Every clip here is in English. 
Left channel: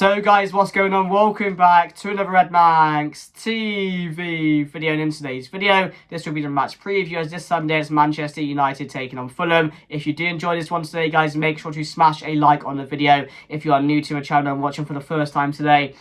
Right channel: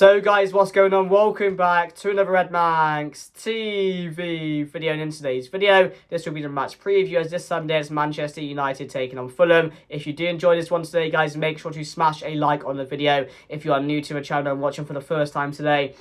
So guys, what's going on? Welcome back to another Red Manx TV video. And in today's video, this will be the match preview as this Sunday it's Manchester United taking on Fulham. If you do enjoy this one today, guys, make sure to smash a like on the video. If you are new to the channel and watching for the first time today,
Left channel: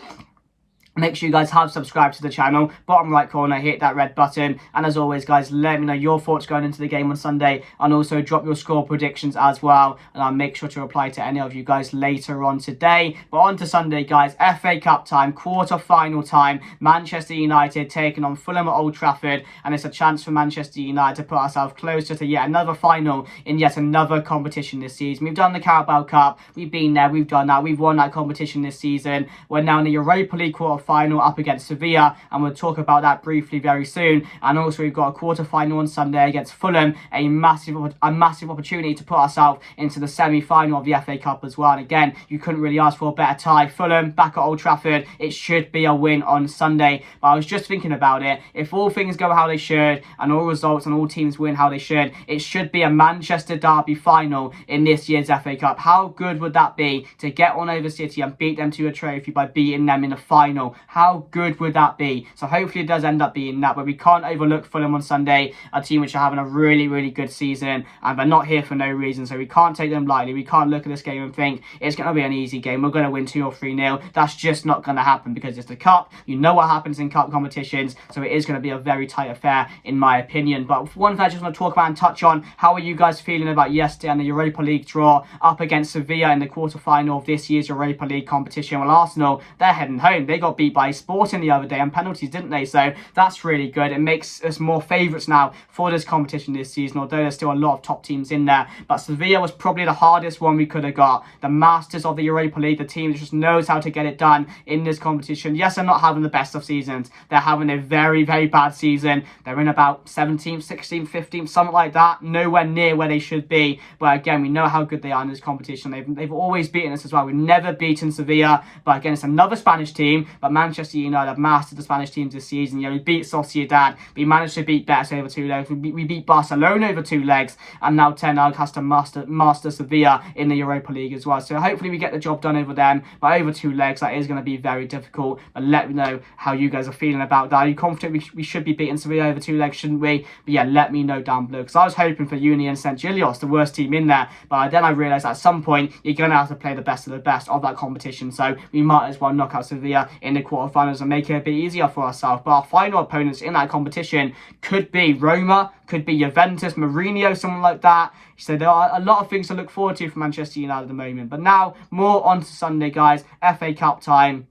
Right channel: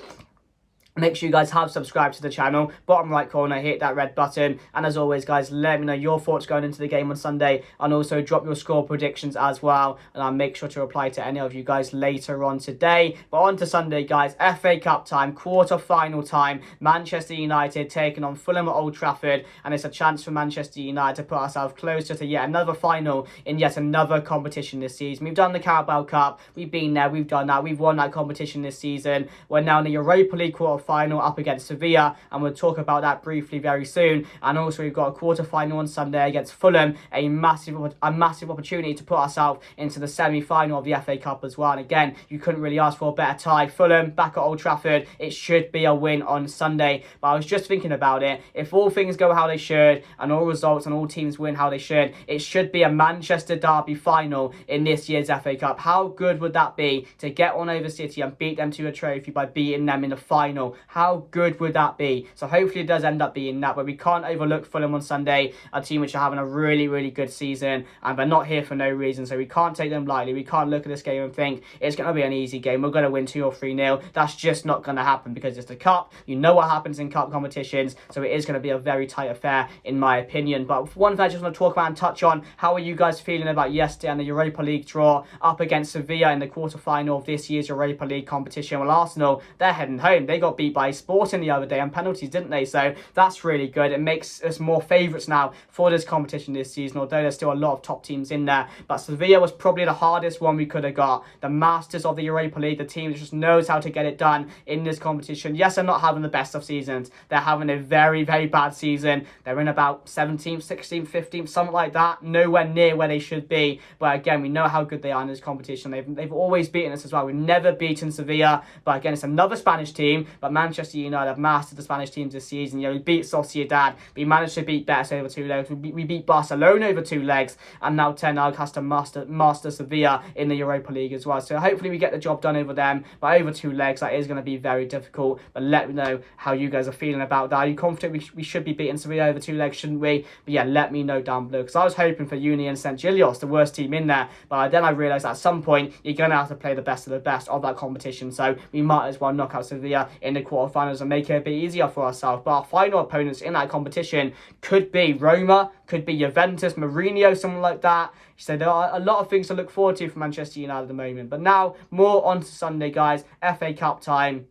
make sure you guys have subscribed to the channel. Bottom right corner, hit that red button. And as always, guys, let me know your thoughts going into the game on Sunday. And also drop your score predictions as well. And I'll make sure to reply to any of you guys later on today. But on to Sunday, guys. FA Cup time, quarter-final time. Manchester United taking on Fulham at Old Trafford. And it's a chance for Manchester United to put ourselves closer to yet another final in yet another competition this season. We've done the Carabao Cup. We've been there. We've done that. We've won that competition this season. We're now in the Europa League quarter-final up against Sevilla, and we'll talk about that briefly very soon. And also we've got a quarter-final on Sunday against Fulham, a massive opportunity to put ourselves into the semi-final of the FA Cup as well. And again, you couldn't really ask for a better tie. Fulham back at Old Trafford, it should be a win on Sunday. But I was just thinking about it, if all things go how they should and all results and all teams win how they should, it should be a Manchester derby final in this year's FA Cup. How good would that be to get on over City and beat them to a trophy by beating them in the final? How good would that be? So hopefully it does end up being that, but we can't overlook Fulham on Sunday, a team which are having a really good season, and they're not here for no reason, so we can't take them lightly. We can't look at this game and think it's going to be an easy game, we're going to win 2 or 3-0. That's just not going to happen because it's the Cup. You know what happens in Cup competitions, so it is going to be a very tight affair in my opinion. But one thing I just want to talk about and touch on, how are you guys feeling about yesterday and the Europa League draw up against Sevilla in the quarter-final of this year's Europa League competition? Well, Arsenal, they're heading home. They got beat by Sporting the other day and penalties, didn't they? So that's really good. It makes us more favourites now for this competition this season, although there's still a lot of top teams in there. But Sevilla was probably the hardest one we could have got. The masters of the Europa League, the team that just knows how to get it done in this competition. Yes, they're not having the best of seasons. They're having a very bad season. They're in about 17th, 16th, 15th, something like that. Nowhere near where they should be. But again, we know how good they are in this competition. They've always beaten us as well. We've never beaten Sevilla. But again, it's another Spanish team. But Manchester United have mastered the Spanish teams this season. You know, we beat Sociedad. We managed to beat Betis over 2 legs. We beat Barcelona over 2 legs. And now Ten Hag has to master Sevilla in the Europa League as well. So hopefully we get the job done over them. But over 2 legs, that is going to be very difficult. But let me know how you guys are feeling about that. Are you confident we should be beating Sevilla over 2 legs, shouldn't we? But yeah, let me know down below. Because I was hoping for Union St. Gilios, the worst team in there. But then I realised at some point, you're going to have to play the best of the best of that competition. So we might as well knock out Sevilla in the quarterfinals and make it a bit easier for ourselves. But our final opponents in that competition could be Roma, could be Juventus, Mourinho, someone like that. So there are a lot of things to look forward to for Manchester United at the moment. But now, more on to Sunday, guys. FA Cup time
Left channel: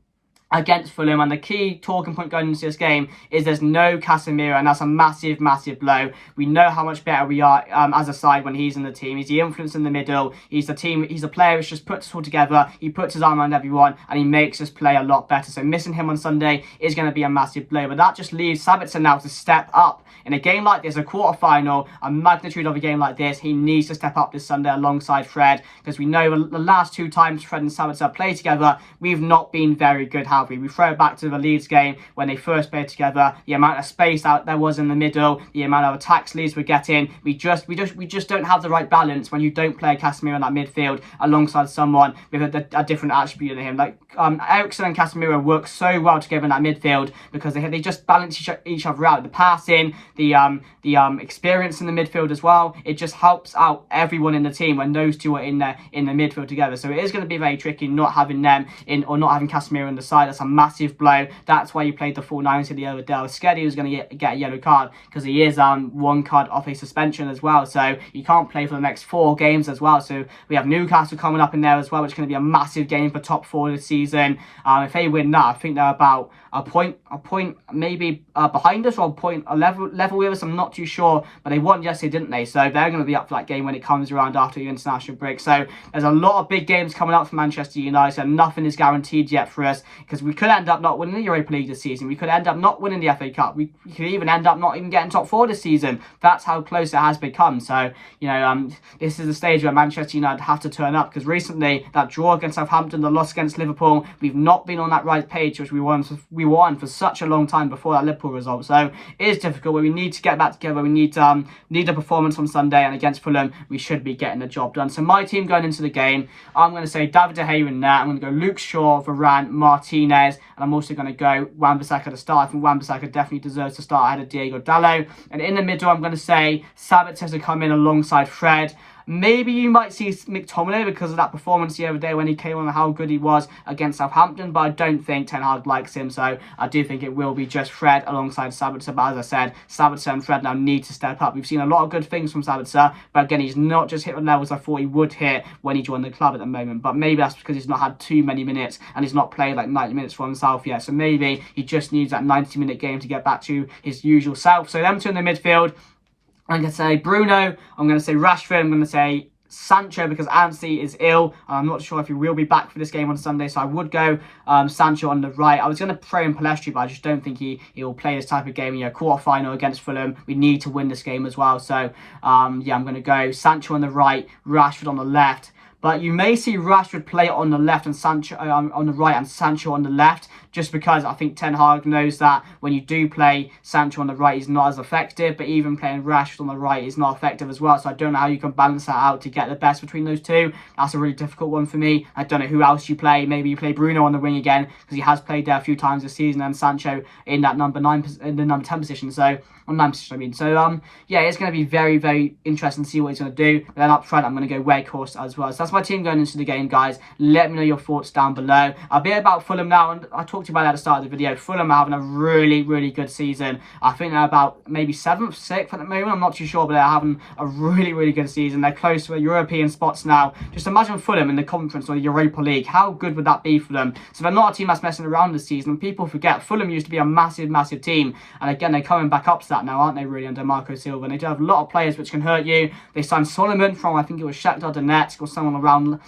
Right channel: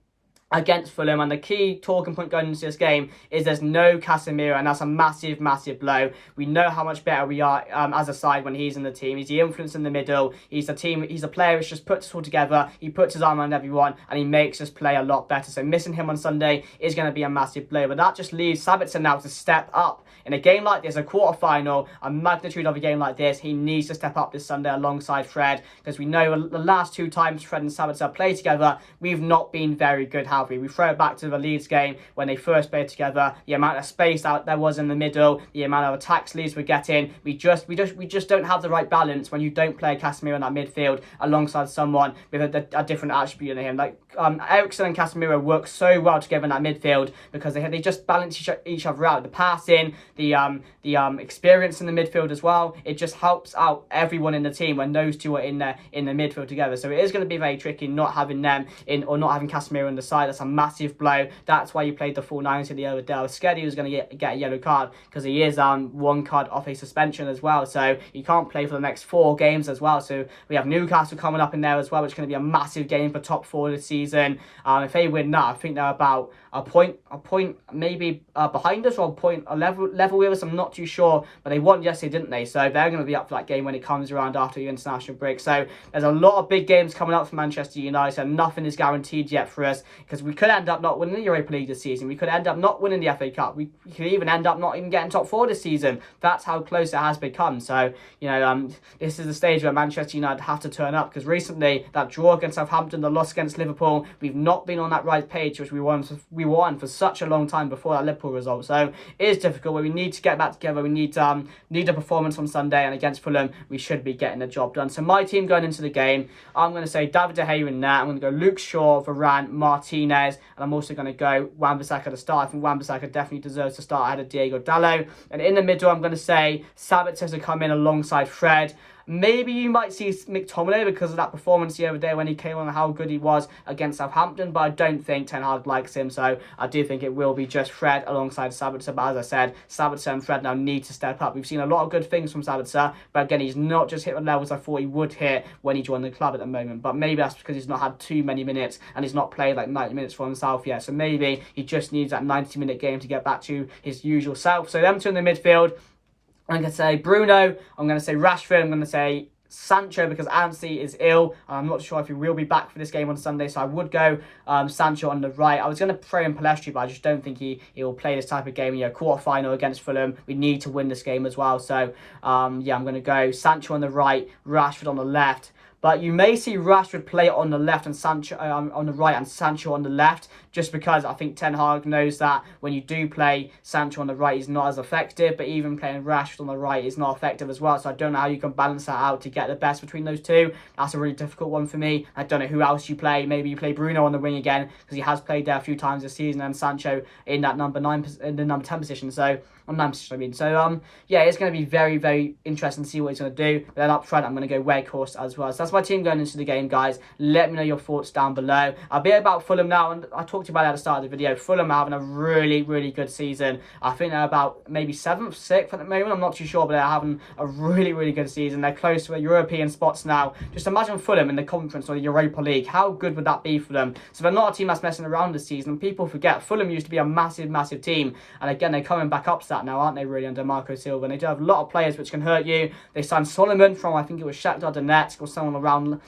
against Fulham, and the key talking point going into this game is there's no Casemiro, and that's a massive blow. We know how much better we are as a side when he's in the team. He's the influence in the middle. He's a player which just puts us all together. He puts his arm around everyone and he makes us play a lot better. So missing him on Sunday is going to be a massive blow, but that just leaves Sabitzer now to step up. In a game like this, a quarter-final, a magnitude of a game like this, he needs to step up this Sunday alongside Fred, because we know the last 2 times Fred and Sabitzer played together, we've not been very good, have we? We throw it back to the Leeds game when they first played together, the amount of space out there was in the middle, the amount of attacks Leeds were getting, we just don't have the right balance when you don't play Casemiro in that midfield alongside someone with a different attribute in him. Like Eriksen and Casemiro work so well together in that midfield because they just balance each other out. The passing, the experience in the midfield as well. It just helps out everyone in the team when those two are in the midfield together. So it is going to be very tricky not having them in, or not having Casemiro on the side. That's a massive blow. That's why you played the full 90 the other day. I was scared he was going to get a yellow card because he is 1 card off a suspension as well. So he can't play for the next 4 games as well. So we have Newcastle coming up in there as well, which is going to be a massive game for top 4 this season. If they win that, I think they're about a point maybe behind us, or a level with us. I'm not too sure, but they won yesterday, didn't they? So they're going to be up for that game when it comes around after the international break. So there's a lot of big games coming up for Manchester United, and nothing is guaranteed yet for us, because we could end up not winning the Europa League this season. We could end up not winning the FA Cup. We could even end up not even getting top 4 this season. That's how close it has become. So, you know, this is the stage where Manchester United have to turn up, because recently that draw against Southampton, the loss against Liverpool, we've not been on that right page which we won for such a long time before that Liverpool result. So it is difficult, but we need to get back together. We need a performance on Sunday, and against Fulham, we should be getting the job done. So my team going into the game, I'm going to say David De Gea in there. I'm going to go Luke Shaw, Varane, Martinez, and I'm also going to go Wan-Bissaka to start. I think Wan-Bissaka definitely deserves to start ahead of Diego Dallo. And in the middle, I'm going to say Sabitzer to come in alongside Fred. Maybe you might see McTominay because of that performance the other day when he came on and how good he was against Southampton, but I don't think Ten Hag likes him, so I do think it will be just Fred alongside Sabitzer. But as I said, Sabitzer and Fred now need to step up. We've seen a lot of good things from Sabitzer, but again, he's not just hit the levels I thought he would hit when he joined the club at the moment. But maybe that's because he's not had too many minutes and he's not played like 90 minutes for himself yet. So maybe he just needs that 90-minute game to get back to his usual self. So them two in the midfield. I'm going to say Bruno, I'm going to say Rashford, I'm going to say Sancho because Anthony is ill. I'm not sure if he will be back for this game on Sunday, so I would go Sancho on the right. I was going to throw in Palestri, but I just don't think he will play this type of game. Quarter-final against Fulham. We need to win this game as well. So, I'm going to go Sancho on the right, Rashford on the left. But you may see Rashford play on the left and Sancho on the right and Sancho on the left, just because I think Ten Hag knows that when you do play Sancho on the right, he's not as effective. But even playing Rashford on the right is not effective as well. So I don't know how you can balance that out to get the best between those two. That's a really difficult one for me. I don't know who else you play. Maybe you play Bruno on the wing again because he has played there a few times this season, and Sancho in that number 10 position. So on 9 position, I mean. So it's going to be very, very interesting to see what he's going to do. But then up front, I'm going to go Weghorst as well. So that's my team going into the game, guys. Let me know your thoughts down below. A bit about Fulham now, and I talked about it at the start of the video. Fulham are having a really, really good season. I think they're about maybe 7th, 6th at the moment. I'm not too sure, but they're having a really, really good season. They're close to the European spots now. Just imagine Fulham in the Conference or the Europa League. How good would that be for them? So they're not a team that's messing around this season. People forget Fulham used to be a massive, massive team. And again, they're coming back up to that now, aren't they, really, under Marco Silva? And they do have a lot of players which can hurt you. They signed Solomon from, I think it was Shakhtar Donetsk or someone around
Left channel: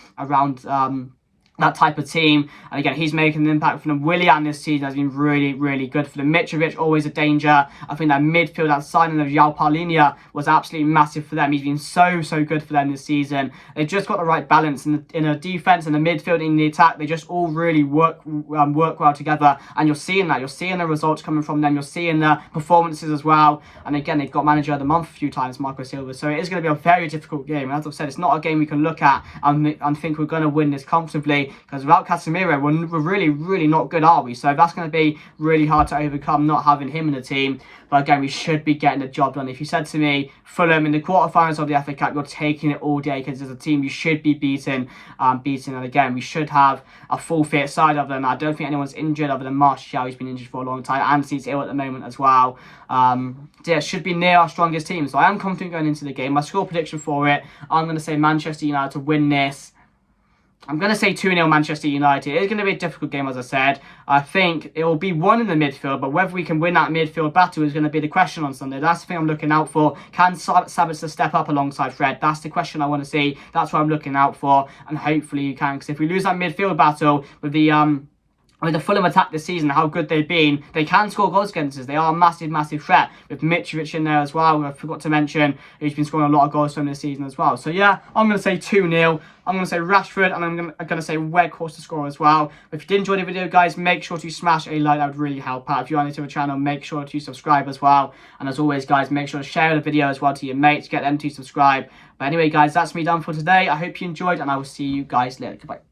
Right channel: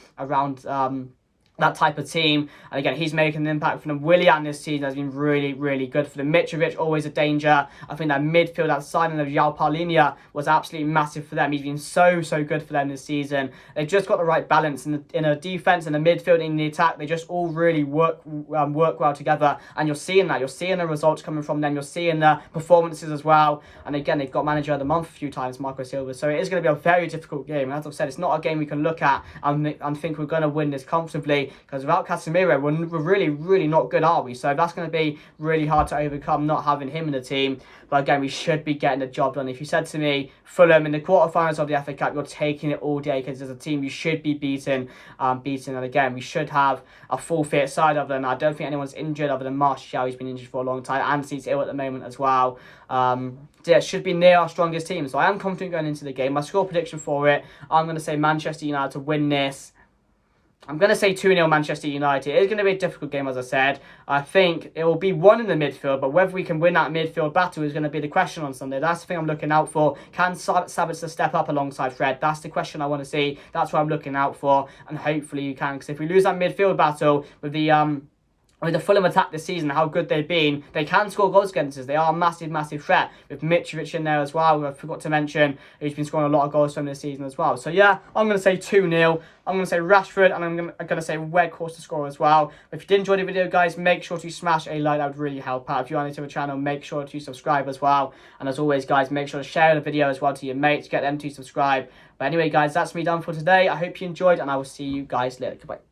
that type of team. And again, he's making an impact for them. Willian this season has been really, really good for them. Mitrovic, always a danger. I think that midfield, that signing of João Palhinha was absolutely massive for them. He's been so, so good for them this season. They've just got the right balance in a defence, in the midfield, in the attack. They just all really work well together. And you're seeing that. You're seeing the results coming from them. You're seeing the performances as well. And again, they've got manager of the month a few times, Marco Silva. So it is going to be a very difficult game. And as I've said, it's not a game we can look at and think we're going to win this comfortably. Because without Casemiro, we're really, really not good, are we? So that's going to be really hard to overcome, not having him in the team. But again, we should be getting the job done. If you said to me, Fulham in the quarterfinals of the FA Cup, you're taking it all day because as a team, you should be beaten. And again, we should have a full fit side of them. I don't think anyone's injured other than Martial. He's been injured for a long time. Anthony's ill at the moment as well. It should be near our strongest team. So I am confident going into the game. My score prediction for it, I'm going to say Manchester United to win this. I'm going to say 2-0 Manchester United. It's going to be a difficult game, as I said. I think it will be one in the midfield, but whether we can win that midfield battle is going to be the question on Sunday. That's the thing I'm looking out for. Can Sabitzer step up alongside Fred? That's the question I want to see. That's what I'm looking out for, and hopefully you can. Because if we lose that midfield battle with the Fulham attack this season, how good they've been, they can score goals against us. They are a massive, massive threat. With Mitrovic in there as well, I forgot to mention, who's been scoring a lot of goals from this season as well. So yeah, I'm going to say 2-0. I'm going to say Rashford, and I'm going to say Weghorst to score as well. If you did enjoy the video, guys, make sure to smash a like. That would really help out. If you are new to the channel, make sure to subscribe as well. And as always, guys, make sure to share the video as well to your mates. Get them to subscribe. But anyway, guys, that's me done for today. I hope you enjoyed, and I will see you guys later. Goodbye.